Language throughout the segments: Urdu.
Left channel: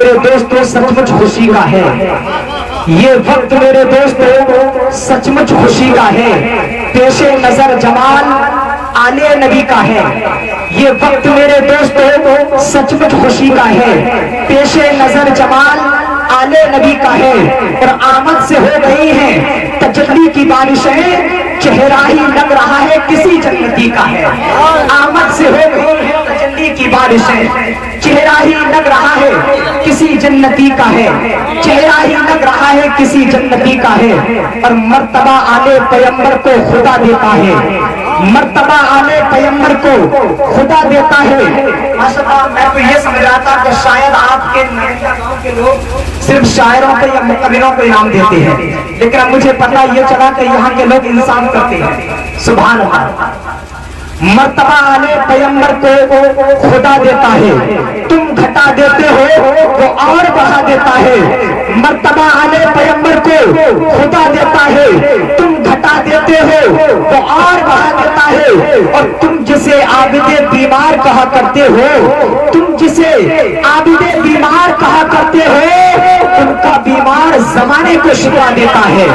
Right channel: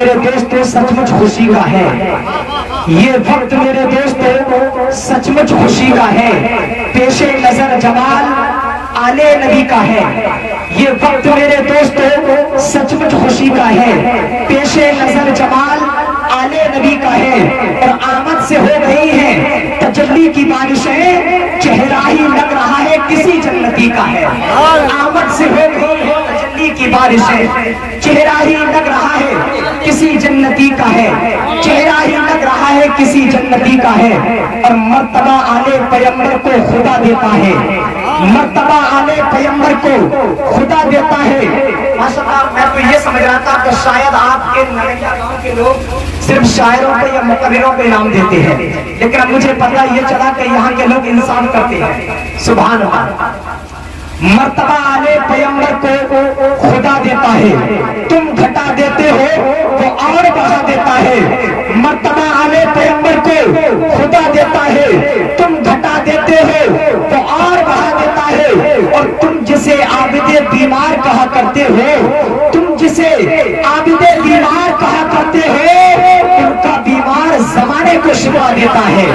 میرے دوستوں سچ مچ خوشی کا ہے، یہ وقت میرے دوستوں سچ مچ خوشی کا ہے، پیش نظر جمال آلے نبی کا ہے، یہ وقت میرے دوستوں سچ مچ خوشی کا ہے، پیش نظر جمال آلے نبی کا ہے، اور آمد سے ہو گئی ہے تجلی کی بارشیں، چہرہ ہی لگ رہا ہے کسی جنتی کا ہے، آمد سے ہو گئی ہے تجلی کی بارشیں، چہرہ ہی لگ رہا ہے کسی جنتی کا ہے، چہرہ ہی لگ رہا ہے کسی جنتی کا ہے، اور مرتبہ آلے پیغمبر کو خدا دیتا ہے، مرتبہ آلے پیغمبر کو خدا دیتا ہے۔ ماشاءاللہ میں تو یہ سمجھ رہا تھا کہ شاید آپ کے گاؤں کے لوگ صرف شاعروں کو یا مقرروں کو انعام دیتے ہیں، لیکن اب مجھے پتہ یہ چلا کہ یہاں کے لوگ انصاف کرتے ہیں۔ سبحان اللہ، مرتبہ آلے پیغمبر کو خدا دیتا ہے، تم گھٹا دیتے ہو وہ اور بڑھا دیتا ہے، مرتبہ آلے پیغمبر کو خدا دیتا ہے، تم گھٹا دیتے ہو وہ اور بڑھا دیتا ہے، اور تم جسے عابد بیمار کہا کرتے ہو، تم جسے عابد بیمار کہا کرتے ہو، ان کا بیمار زمانے کو شفا دیتا ہے،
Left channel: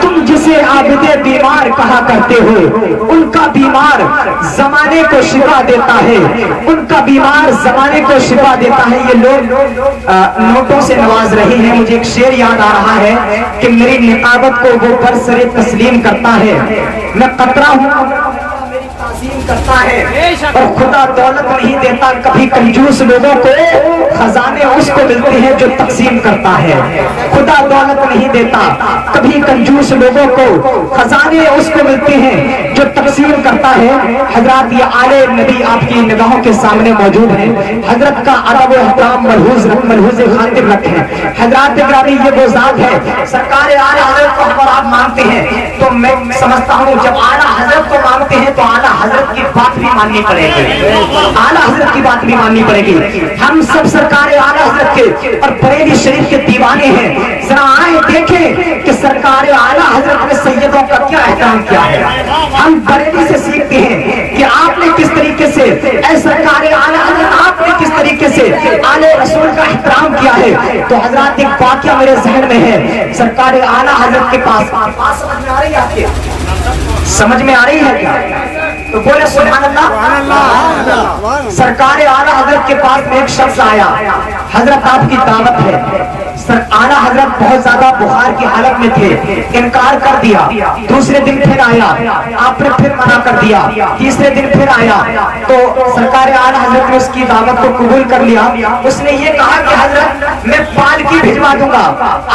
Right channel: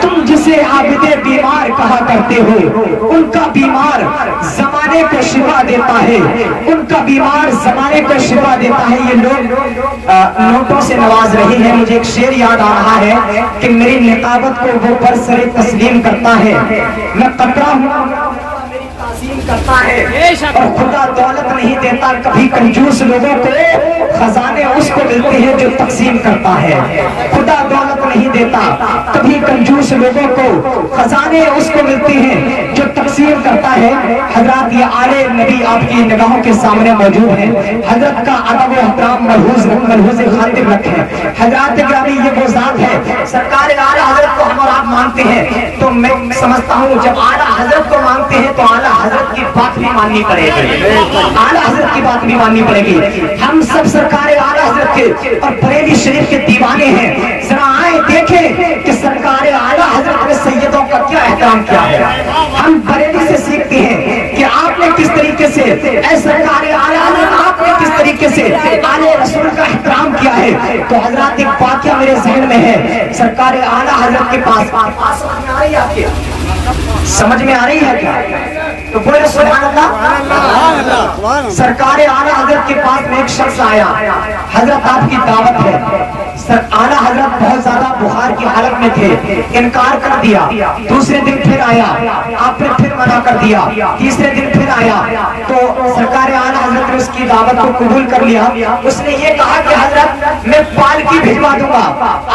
تم جسے عابد بیمار کہا کرتے ہو، ان کا بیمار زمانے کو شفا دیتا ہے، ان کا بیمار زمانے کو شفا دیتا ہے۔ یہ لوگ نوٹوں سے نواز رہے ہیں، مجھے ایک شعر یاد آ رہا ہے کہ میری نقابت کو وہ برسر تسلیم کرتا ہے، میں قطرہ ہوں میری تعظیم کرتا ہے، اور خدا دولت نہیں دیتا کبھی کنجوس لوگوں کو، خزانے اس کو ملتے ہیں جو تقسیم کرتا ہے، خدا دولت نہیں دیتا کبھی کنجوس لوگوں کو، خزانے اس کو ملتے ہیں جو تقسیم کرتا ہے۔ حضرات یہ آلے نبی آپ کی نگاہوں کے سامنے موجود ہیں، حضرت کا ادب و احترام ملحوظ خاطر رکھیں۔ حضرات گرامی یہ وہ ذات ہے، سرکار اعلیٰ حضرت کو ہم اور آپ مانتے ہیں تو میں سمجھتا ہوں جب اعلیٰ حضرت کو مانتے ہیں تو اعلیٰ حضرت کی بات بھی ماننی پڑے گی، اعلیٰ حضرت کی بات بھی ماننی پڑے گی۔ ہم سب سرکار اعلیٰ حضرت کے اور بریلی شریف کے دیوانے ہیں، ذرا آئیں دیکھیں کہ سرکار اعلیٰ حضرت نے سیدوں کا کیا احترام کیا ہے۔ ہم بریلی سے سیکھتے ہیں کہ آپ نے کس طریقے سے اے سرکار اعلیٰ حضرت آپ نے کس طریقے سے آلے رسول کا احترام کیا ہے۔ تو حضرات ایک واقعہ میرے ذہن میں ہے، سرکار اعلیٰ حضرت کے پاس سمجھ میں آ رہی ہے آپ کے، سمجھ میں آ رہی ہے کیا؟ تو بولے سبحان اللہ۔ سرکار اعلیٰ حضرت کے پاس ایک شخص آیا، حضرت آپ کی دعوت ہے۔ اعلیٰ حضرت بہت زیادہ بخار کی حالت میں تھے، انکار کر دیا، دوسرے دن پھر آیا، آپ نے پھر منع کر دیا، تیسرے دن پھر آیا، تو سرکار اعلیٰ حضرت نے اس کی دعوت کو قبول کر لیا۔ اس نے یہ کہا کہ حضرت میں پالکی بھجوا دوں گا،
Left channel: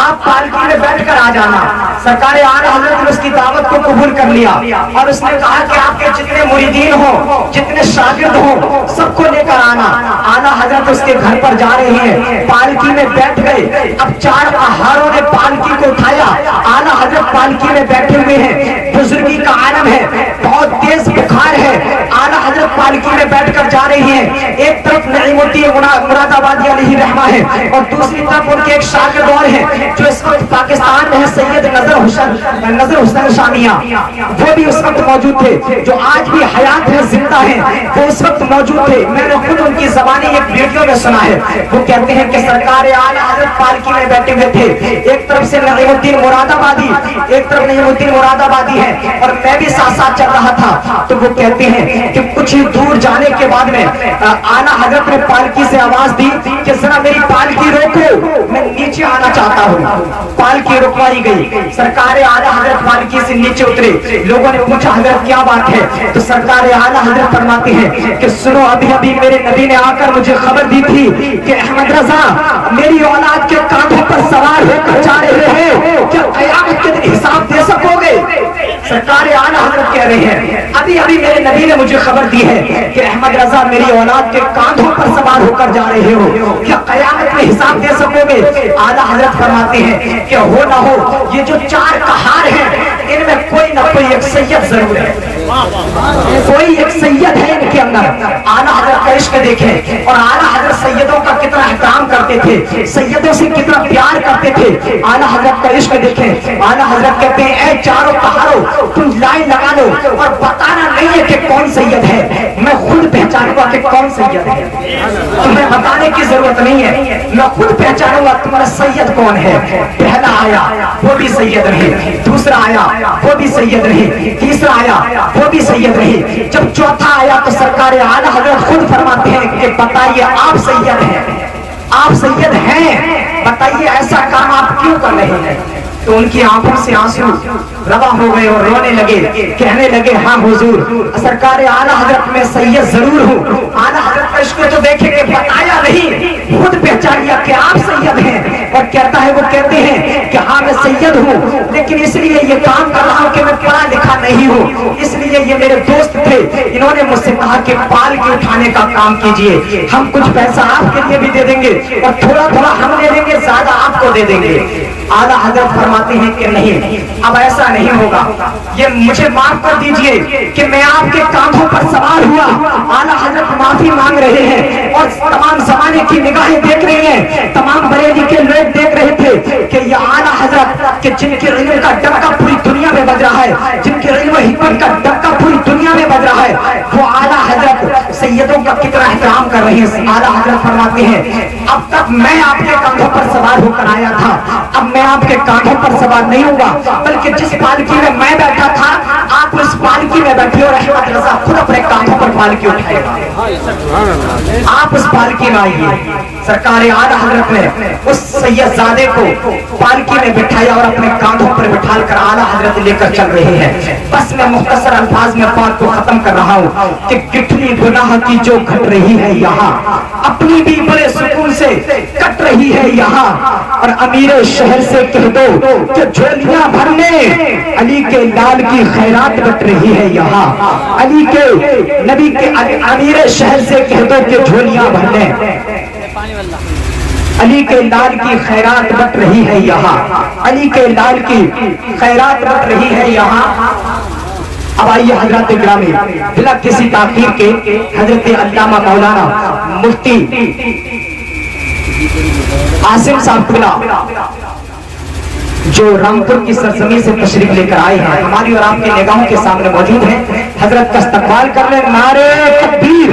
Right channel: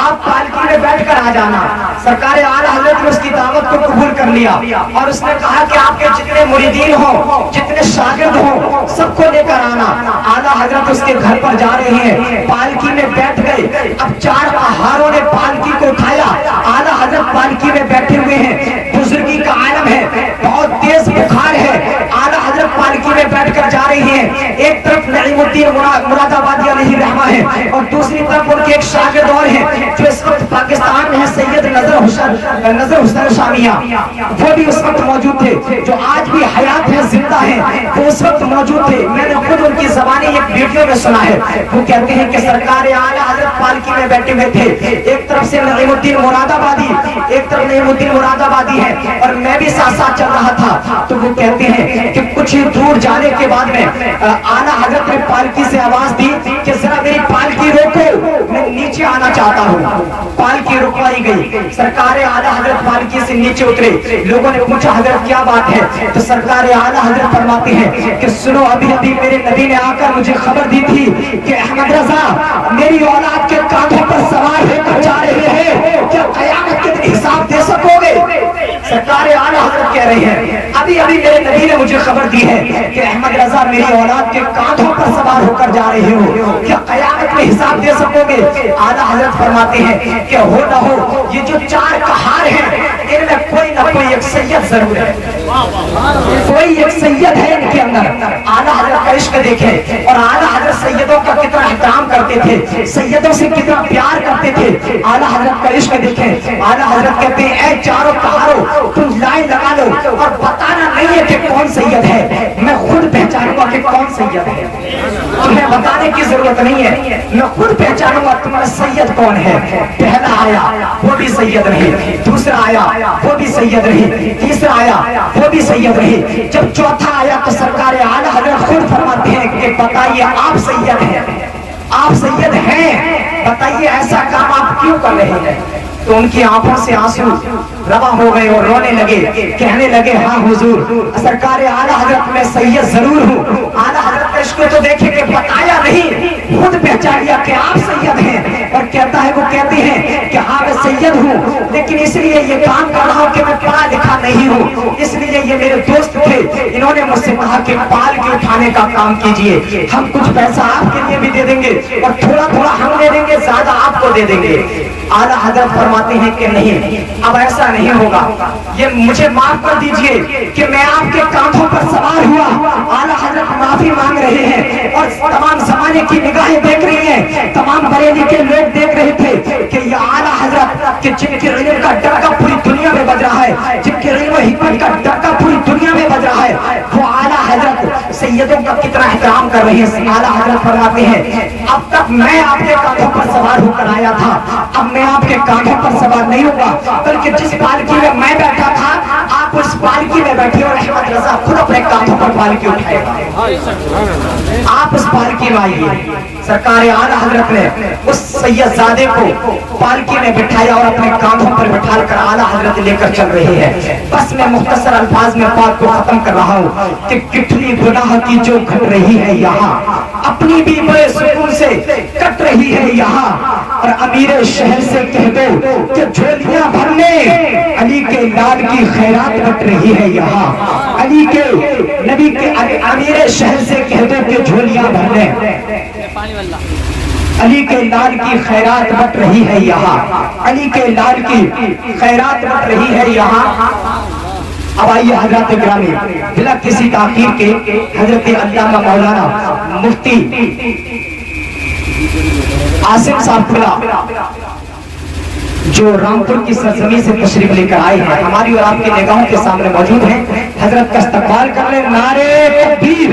آپ پالکی میں بیٹھ کر آ جانا۔ سرکار اعلیٰ حضرت نے اس کی دعوت کو قبول کر لیا، اور اس نے کہا کہ آپ کے جتنے مریدین ہوں، جتنے شاگرد ہوں، سب کو لے کر آنا۔ اعلیٰ حضرت اس کے گھر پر جا رہے ہیں، پالکی میں بیٹھ گئے، اب چار پہاڑوں نے پالکی کو اٹھایا، اعلیٰ حضرت پالکی میں بیٹھے ہوئے ہیں، بزرگی کا عالم ہے، بہت تیز بخار ہے، اعلیٰ حضرت پالکی میں بیٹھ کر جا رہے ہیں۔ ایک طرف نعیم الدین مراد آبادی علیہ رحمہ ہے، اور دوسری طرف ان کے ایک شاگرد اور ہیں جو اس وقت پاکستان میں ہے، سید نظر حسین شامیہ، وہ بھی اس وقت موجود تھے، جو آج بھی حیات ہے، زندہ ہیں، وہ اس وقت موجود تھے۔ میں نے خود ان کی زبانی ایک ویڈیو میں سنا ہے، وہ کہتے ہیں کہ سرکار اعلیٰ حضرت پالکی میں بیٹھے ہوئے تھے، ایک طرف سے نعیم الدین مراد آبادی، ایک طرف نعیم الدین مراد آبادی ہے، اور میں بھی ساتھ ساتھ چل رہا تھا۔ تو وہ کہتے ہیں کہ کچھ ہی دور جانے کے بعد میں اعلیٰ حضرت نے پالکی سے آواز دی کہ ذرا میری پالکی روکو، میں نیچے آنا چاہتا ہوں۔ پالکی رکوائی گئی، سرکار اعلیٰ حضرت پالکی سے نیچے اترے، لوگوں نے پوچھا حضرت کیا بات ہے؟ تو سرکار اعلیٰ حضرت فرماتے ہیں کہ سنو، ابھی ابھی میرے نبی نے آ کر مجھے خبر دی تھی کہ احمد رضا میری اولاد کے کاندھوں پر سوار ہو کر جا رہے ہیں، کیا قیامت کے دن حساب دے سکو گے؟ سرکار اعلیٰ حضرت کہہ رہے ہیں ابھی ابھی میرے نبی نے مجھے خبر دی ہے کہ احمد رضا میری اولاد کے کاندھوں پر سوار ہو کر جا رہے ہو، کیا قیامت میں حساب دے سکو گے؟ اعلیٰ حضرت فرماتے ہیں کہ ہو نہ ہو یہ جو چار کہار ہیں ان میں کوئی نہ کوئی ایک سید ضرور ہے، کوئی ایک سید ہے ان کے اندر۔ اعلیٰ حضرت کا عشق دیکھیں، اور اعلیٰ حضرت سیدوں کا کتنا احترام کرتے تھے، سیدوں سے کتنا پیار کرتے تھے۔ اعلیٰ حضرت کا عشق دیکھیں، اعلیٰ حضرت کہتے ہیں اے چاروں پہاڑوں تم لائن لگا لو، اور بتانا نہیں ہے کہ کون سید ہے، میں خود پہچانوں گا کہ کون سید ہے، تمہیں بتانے کی ضرورت نہیں ہے، میں خود پہچانوں گا تمہارا سید کون ہے۔ پہلا آیا وہ بھی سید رہے، دوسرا آیا وہ بھی سید رہے، تیسرا آیا وہ بھی سید رہے، جب چوتھا آیا تو سرکار اعلیٰ حضرت خود فرماتے ہیں کہ بتائیے آپ سید ہیں، آپ سید ہیں، بتائیے ایسا کام آپ کیوں کر رہے ہیں؟ تو ان کی آنکھوں سے آنسو روا ہو گئے اور رونے لگے، کہنے لگے ہاں حضور سرکار اعلیٰ حضرت میں سید ضرور ہوں۔ اعلیٰ حضرت اس کو تو دیکھیں کہ بتایا نہیں، خود پہچان لیا کہ آپ سید ہیں، اور کہتا ہے وہ کہتے ہیں کہ ہاں میں سید ہوں، لیکن اس لیے یہ کام کر رہا ہوں کہ میں پڑھا لکھا نہیں ہوں، اس لیے یہ میرے دوست تھے، انہوں نے مجھ سے کہا کہ پال کے اٹھانے کا کام کیجئے، ہم کچھ پیسہ آپ کے لیے بھی دے دیں گے اور تھوڑا تھوڑا ہم دے دیں گے، زیادہ آپ کو دے دیں گے۔ اعلیٰ حضرت فرماتے ہیں کہ نہیں، اب ایسا نہیں ہوگا، یہ مجھے معاف کر دیجئے کہ میں آپ کے کاندھوں پر سوار ہوا۔ اعلیٰ حضرت معافی مانگ رہے ہیں اور تمام زمانے کی نگاہیں دیکھ رہے ہیں، تمام بریلی کے لوگ دیکھ رہے تھے کہ یہ اعلیٰ حضرت کہ جن کے علم کا ڈنکا پوری دنیا میں بج رہا ہے، جن کے علم و حکمت کا ڈنکا پوری دنیا میں بج رہا ہے، وہ اعلیٰ حضرت سیدوں کا کتنا احترام کر رہے ہیں۔ اعلیٰ حضرت فرماتے ہیں اب تک میں آپ کے کاندھوں پر سوار ہو کر آیا تھا، اب میں آپ کے کاندھوں پر سوار نہیں ہوں گا، بلکہ جس پالکی میں بیٹھا تھا آپ اس پالکی میں بیٹھے اور احمد رضا خود اپنے کاندھوں پر پالکی اٹھائے گا، آپ اس پالکی میں آئیے۔ سرکار اعلیٰ حضرت نے اس سید زادے کو پالکی میں بٹھایا اور اپنے کاندھوں پر بٹھا کر اعلیٰ حضرت لے کر چل رہے ہیں۔ بس میں مختصر الفاظ میں بات کو ختم کر رہا ہوں کہ کتنی گناہ کی جو گھٹ رہی ہے یہاں، اپنی بھی بڑے سکون سے کٹ رہی ہے یہاں، اور امیر شہر سے کہہ دو کہ جھولیاں بھرنے علی کے لال کی خیرات بٹ رہی ہے یہاں، علی کے نبی کے امیر شہر سے کہہ دو کہ جھولیاں بھرنے علی کے لال کی خیرات بٹ رہی ہے یہاں، علی کے لال کی خیرات بٹ رہی ہے یہاں۔ اب آئیے حضرات گرامی، بلا کسی تاخیر کے حضرت علامہ مولانا مفتی عاصم صاحب جو رامپور کی سرزمین سے تشریف لے کر آئے ہیں، ہماری اور آپ کی نگاہوں کے سامنے موجود ہیں، حضرت کا استقبال کر لیں۔ نعرے تکبیر!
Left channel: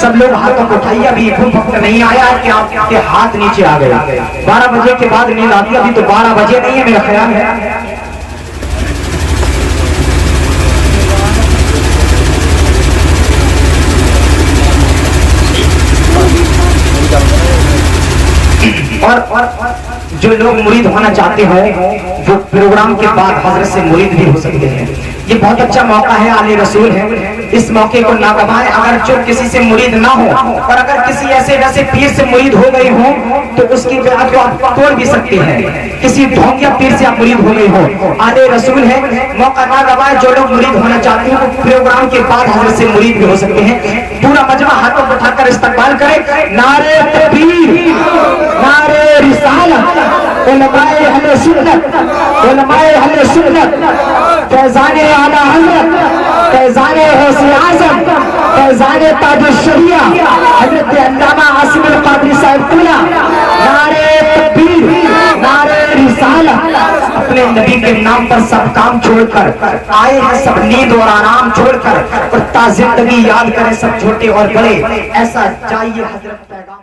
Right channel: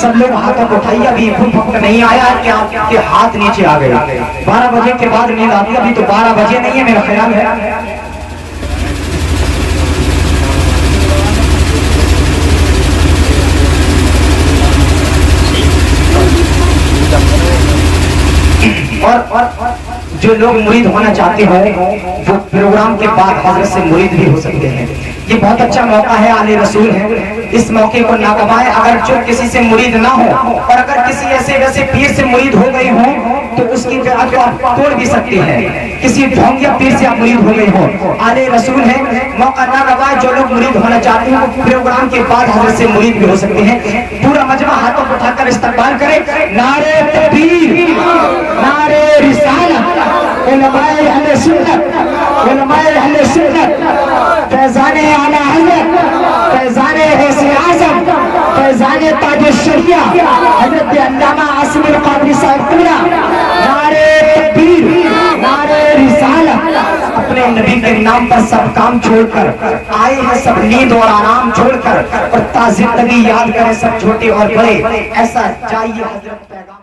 سب لوگ ہاتھوں کو اٹھائیے، ابھی وقت نہیں آیا ہے کہ آپ کے ہاتھ نیچے آ گئے، 12 بجے کے بعد نیند آتی ہے، ابھی تو 12 بجے نہیں ہے میرا خیال ہے۔ اور جو لوگ مرید ہونا چاہتے ہیں وہ پروگرام کے بعد حضرت سے مرید بھی ہو سکتے ہیں، یہ بہت اچھا موقع ہے، آل رسول ہے، اس موقع کو نہ گوائیں۔ اگر جو کسی سے مرید نہ ہو اور اگر کسی ایسے ویسے پیر سے مرید ہو گئے ہوں تو اس کی بیعت کو آپ توڑ بھی سکتے ہیں، کسی ڈھونگیا پیر سے آپ مرید ہو گئے ہو، آل رسول ہے، موقع نہ گوائیں۔ جو لوگ مرید ہونا چاہتے ہیں وہ پروگرام کے بعد حضرت سے مرید بھی ہو سکتے ہیں۔ پورا مجمع ہاتھوں کو اٹھا کر استقبال کرے۔ نعرے تکبیر! نعرے رسالت! علماء اہل سنت، علماء اہل سنت، فیضان اعلیٰ حضرت، فیضان غوث اعظم، فیضان تاج الشریعہ حضرت علامہ عاصم القادری صاحب قلعہ، نعرے تکبیر! نعرے رسالت! اپنے نبی کے نام پر سب کام چھوڑ کر آئے ہیں، سب نیند اور آرام چھوڑ کر، اور تازہ نبی یاد کریں سب چھوٹے اور بڑے، ایسا چاہیے حضرت پیغام۔